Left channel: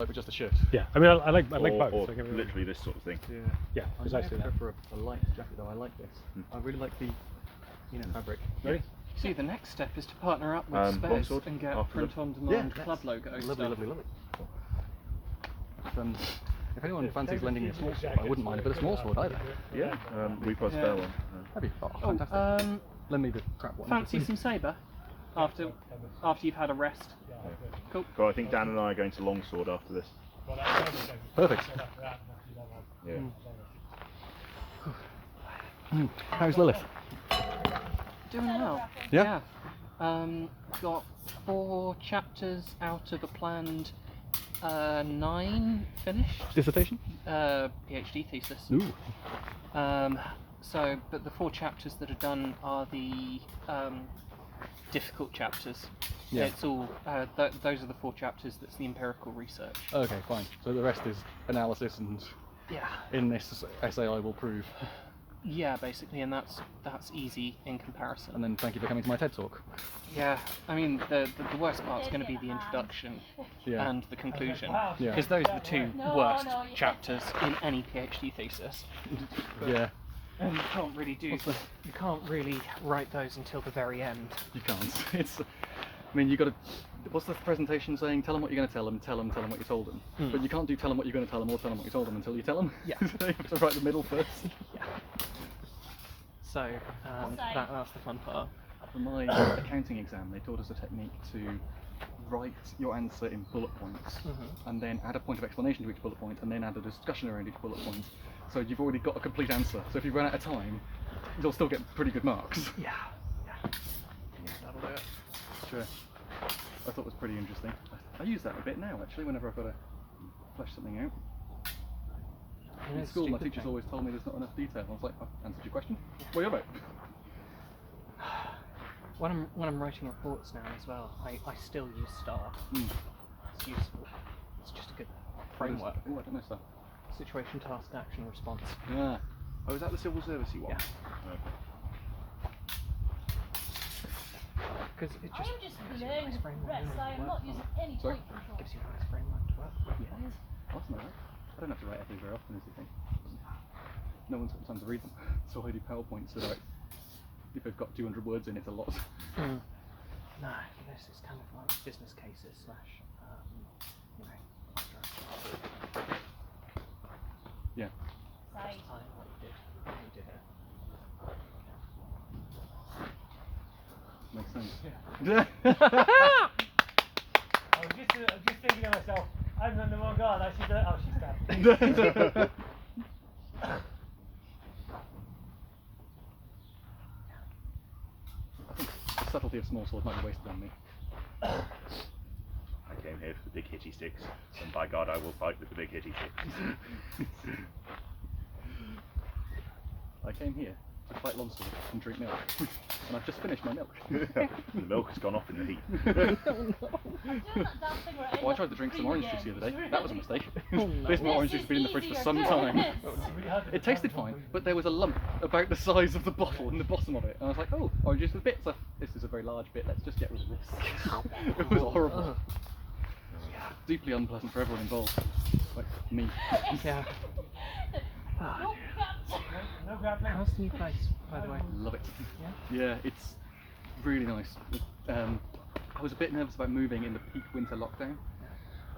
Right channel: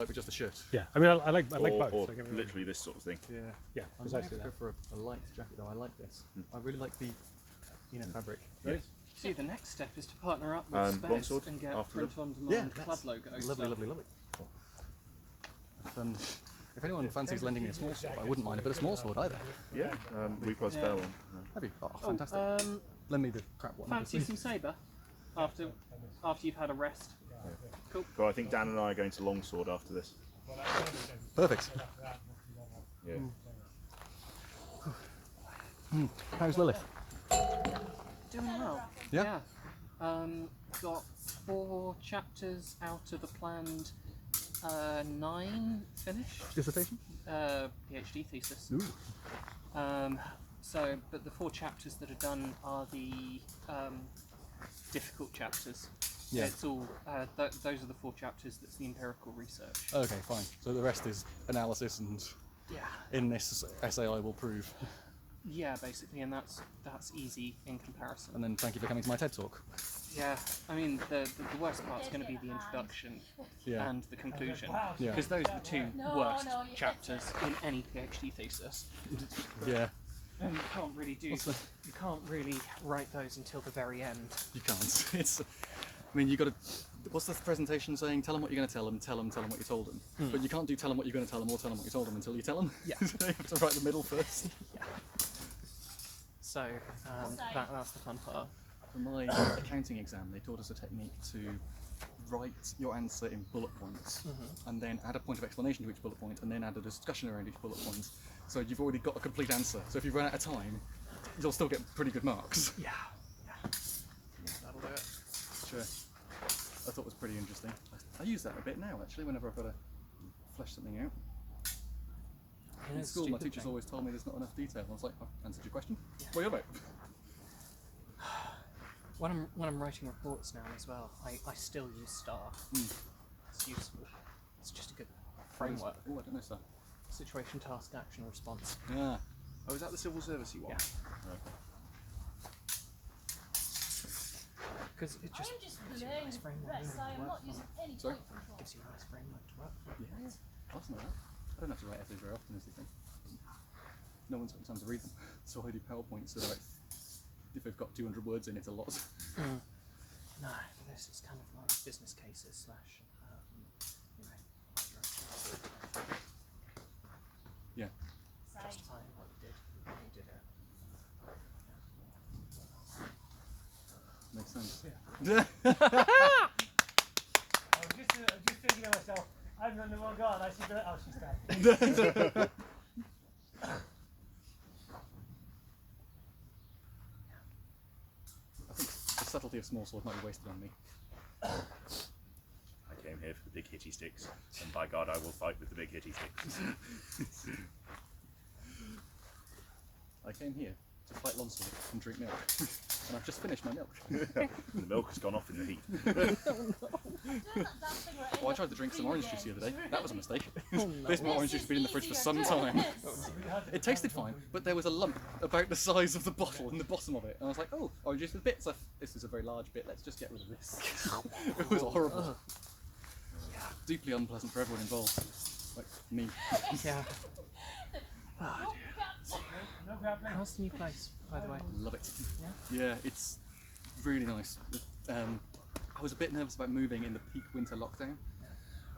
Like with just a shirt. Yeah, I mean, I like both. Or Like, literally this sort of thing. Yeah. Yeah, precisely. I go for a light jacket though. I like this. I really like the fabric. Ready? See, the next step is to partner up with Space Longsword and get after print on demand club logos. Lovely. If anyone fancies lending me a small sword, I wouldn't mind a bit of small sword either. Yeah, reprice spell one. That'd be fantastic. Lend me the crap one. Fancy some sabre after you've had a rest. Cool. Well, I think Dan and I are going to Longsword after this. Perfect. Yeah. How's Lilith? Doing well. Yeah? Got 4 chapters out of a planned 9 finished. Dissertation? PhD thesis. Ooh. But the 4 chapters that are done are the difficult chapters. Yeah. It's all those are the 4 chapters. That's the empirical research. Okay, fine. So the rest is analysis, and Yeah. in this essay I will prove. Yeah, basically, and that's easy in comparison. And then thank you for coming to my TED talk. Yeah, I mean the worst part's going to be the introduction Yeah. and the conclusion, Yeah. because those are the 2 worst chapters in any PhD thesis. Yeah. And you can't really write those until the very end. You can't. It's. I mean, you got to. What's the presentation saying? Tell them what you're going to tell them. Tell them what you told them. But you can't do tell them what you're going to tell them or tell them what you told them until you tell them. Yeah. So you have to write the middle first. So that's the fun part. For my accounting exam, they taught us a technique to write your answer in bullet points, and then add a point of explanation to each bullet point, and then add a discussion around each bullet point. So you've already got a complete answer. So if you run out of time, you'll still get pretty good marks. Yeah. That'll do it. Sure. I thought it was pretty interesting. I use that a bit now, actually, whenever I've got to flesh something out. In school, my teachers always told me there's not enough detail. I was like, I've answered your question. What are you about? When I'm writing reports now as well, I still use STAR. It's useful. It's just a good framework. Oh, I don't know, sir. Situation, task, action, response. Yeah. Oh, is that the civil servicey one? Yeah. Okay. Because it just I'm just learning the rest. I am not using any point control. gives you a nice framework to work with. Yeah. That's not right. I don't have to write essays very often, is the thing. No one's got time to read them. So I do PowerPoints, so like, if they've got 200 words in, it's a lot. No, this is kind of like business cases / Yeah. Just time what you did here. Makes sense. I was just thinking to myself, I'm not the one god. I should. Oh, she's dead. The subtlety of Smallsword might be wasted on me. I came here for the big hitty sticks, and by God, I will fight with the big hitty sticks. I came here to fight Longsword and drink milk. And I've just finished my milk. The milk has gone off in the heat. Oh, I tried to drink some orange juice the other day. That was a mistake. This orange juice has been in the fridge for some time. It tasted fine, but there was a lump about the size of the bottle in the bottom of it. And I was like, oh, orange juice with bits. This is a very large bit. Let's just get rid of this. It was horrible. Deeply unpleasant for everyone involved. Like me. Yeah. No grappling. How's the new place, by the way? Love it. Yeah, it's really nice. I was a bit nervous about moving in the peak winter lockdown,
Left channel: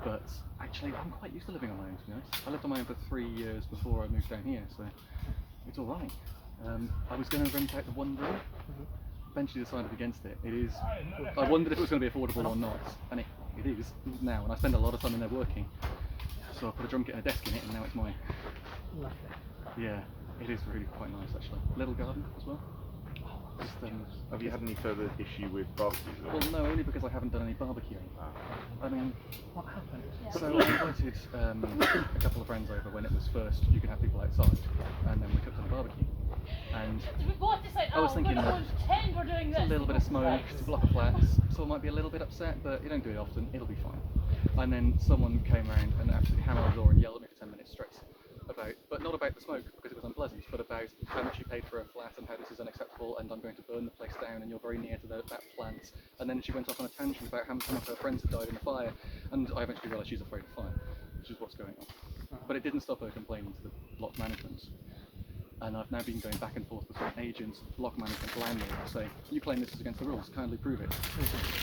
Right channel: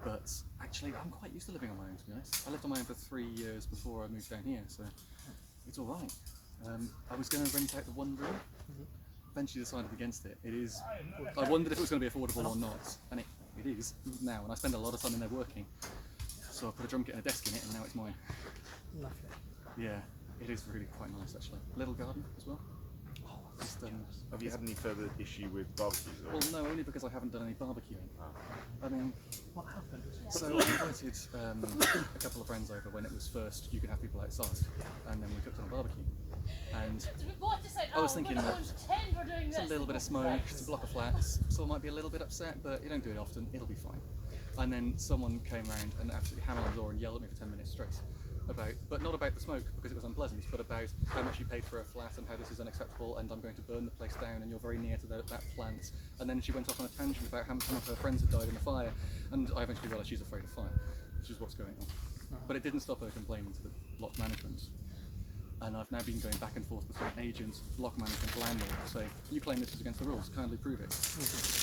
but actually I'm quite used to living on my own, to be honest. I lived on my own for 3 years before I moved down here, so it's all right. I was going to rent out the one room, eventually decided against it. It is. I wondered if it was going to be affordable or not, and it is now, and I spend a lot of time in there working. So I put a drum kit and a desk in it, and now it's mine. Lovely. Yeah, it is really quite nice actually. Little garden as well. Just, Have you had any further issue with barbecues? well, no, only because I haven't done any barbecuing. I mean, What happened? so I invited a couple of friends over when it was first. You could have people outside, and then we cooked on a barbecue. And I was thinking it's a little bit of smoke, it's a block of flats, so I might be a little bit upset, but you don't do it often, it'll be fine. And then someone came around and absolutely hammered on the door and yelled at me for 10 minutes straight. about, but not about the smoke because it was unpleasant, but about how much you paid for a flat and how this is unacceptable and I'm going to burn the place down and you're very near to that plant. And then she went off on a tangent about how some of her friends had died in the fire, and I eventually realised she's afraid of fire, which is what's going on. But it didn't stop her complaining to the block management. And I've now been going back and forth between agents, block management, landlord, saying, you claim this is against the rules, kindly prove it.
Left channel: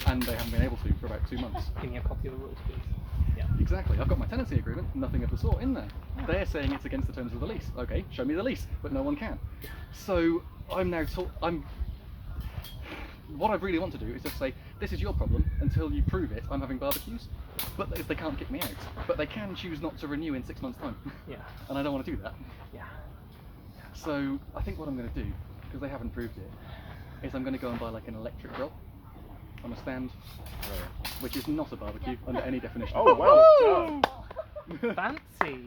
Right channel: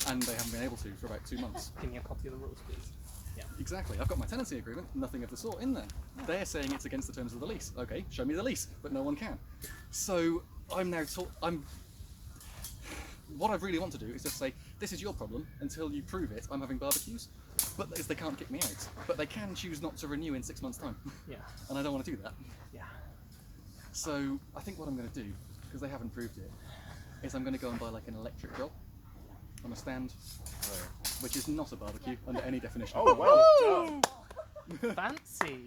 And they haven't been able to for about 2 months. Give me a copy of the rules, please. Yeah. Exactly. I've got my tenancy agreement, nothing of the sort in there. They're saying it's against the terms of the lease. Okay, show me the lease, but no one can. So I'm now what I really want to do is just say, this is your problem, until you prove it, I'm having barbecues. But they can't kick me out. But they can choose not to renew in 6 months' time. Yeah. And I don't want to do that. Yeah. So I think what I'm going to do, because they haven't proved it, is I'm going to go and buy like an electric grill on a stand, which is not a barbecue under any definition. Oh, well done. Fancy.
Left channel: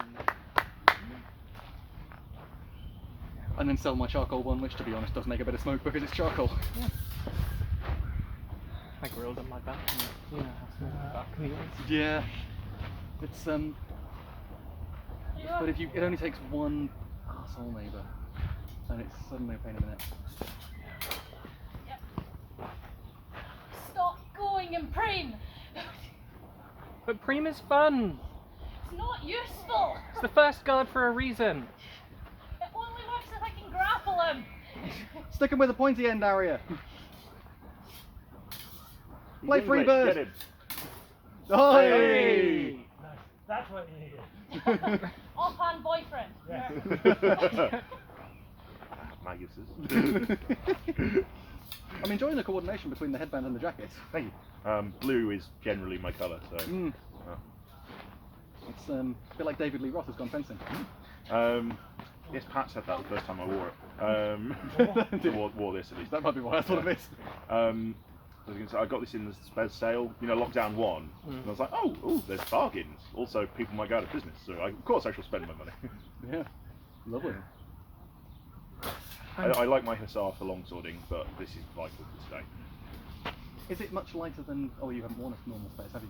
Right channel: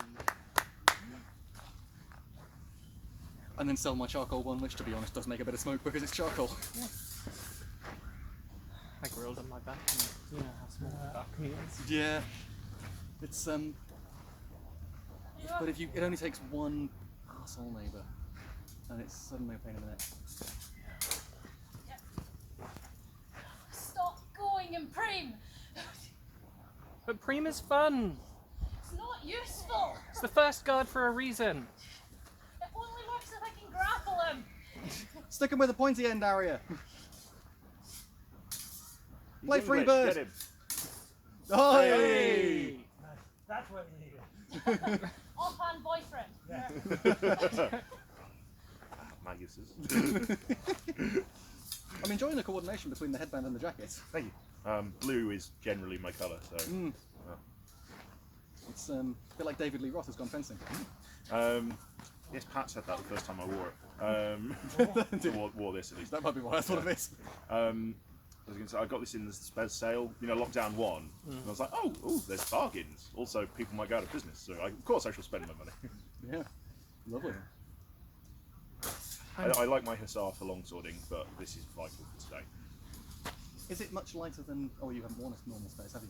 And then sell my charcoal one, which to be honest does make a bit of smoke because it's charcoal. I grilled on my balcony. You know how small my balcony is. Yeah, it's but if it only takes one asshole neighbour, and it's suddenly a pain in the neck. Stop going and preen. But Preem is fun. It's not useful. It's the first guard for a reason. It only works if I can grapple him. Stick him with a pointy end, Aria. He's Play English, free bird. get him. Oh, Nice. That's what you needed. Offhand boyfriend. Yeah. Magus's. I'm enjoying the coordination between the headband and the jacket. Thank you. Blue is generally my colour, so. It's a bit like David Lee Roth has gone fencing. Yes, Pat said that the first time I wore it. Wore this at least. That might be why I thought of it. I was going to say, I got this in the Spez sale, lockdown 1, and I was like, oh, there's bargains. Also, people might go out of business, so of course I shall spend my money. Yeah, lovely. I like my Hussar for longswording, but this is vital for today. Is it much lighter than? Oh, you haven't worn a normal space, have you?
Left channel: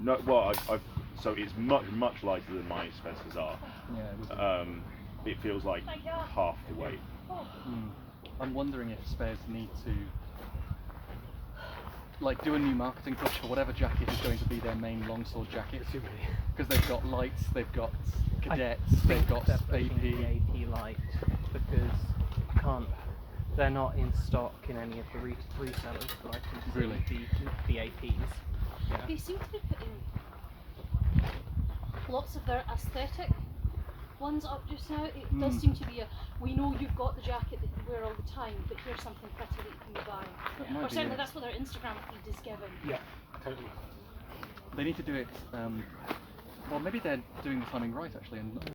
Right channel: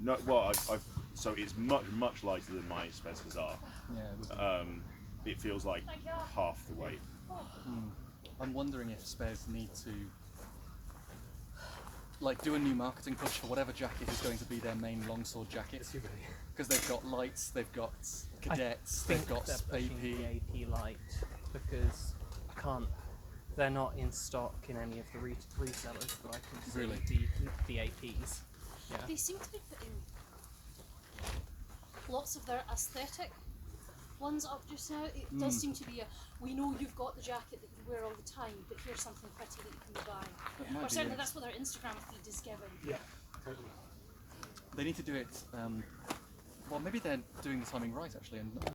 No, well, so it's much lighter than my Spez Hussar. Yeah. It feels like Thank you. half the weight. I'm wondering if spares need to do a new marketing push for whatever jacket is going to be their main longsword jacket. Because they've got lights, they've got cadets, they've got they're pushing the AP. AP light because I can't. They're not in stock in any of the resellers, but I can see Really? the APs. Yeah. They seem to be putting lots of their aesthetic ones up just now. It does seem to be we know you've got the jacket that you wear all the time, but here's something pretty that you can be buying. might Or be, certainly yeah. that's what their Instagram feed is given. Yeah, totally. They need to do it. Well, maybe they're doing the timing right actually, and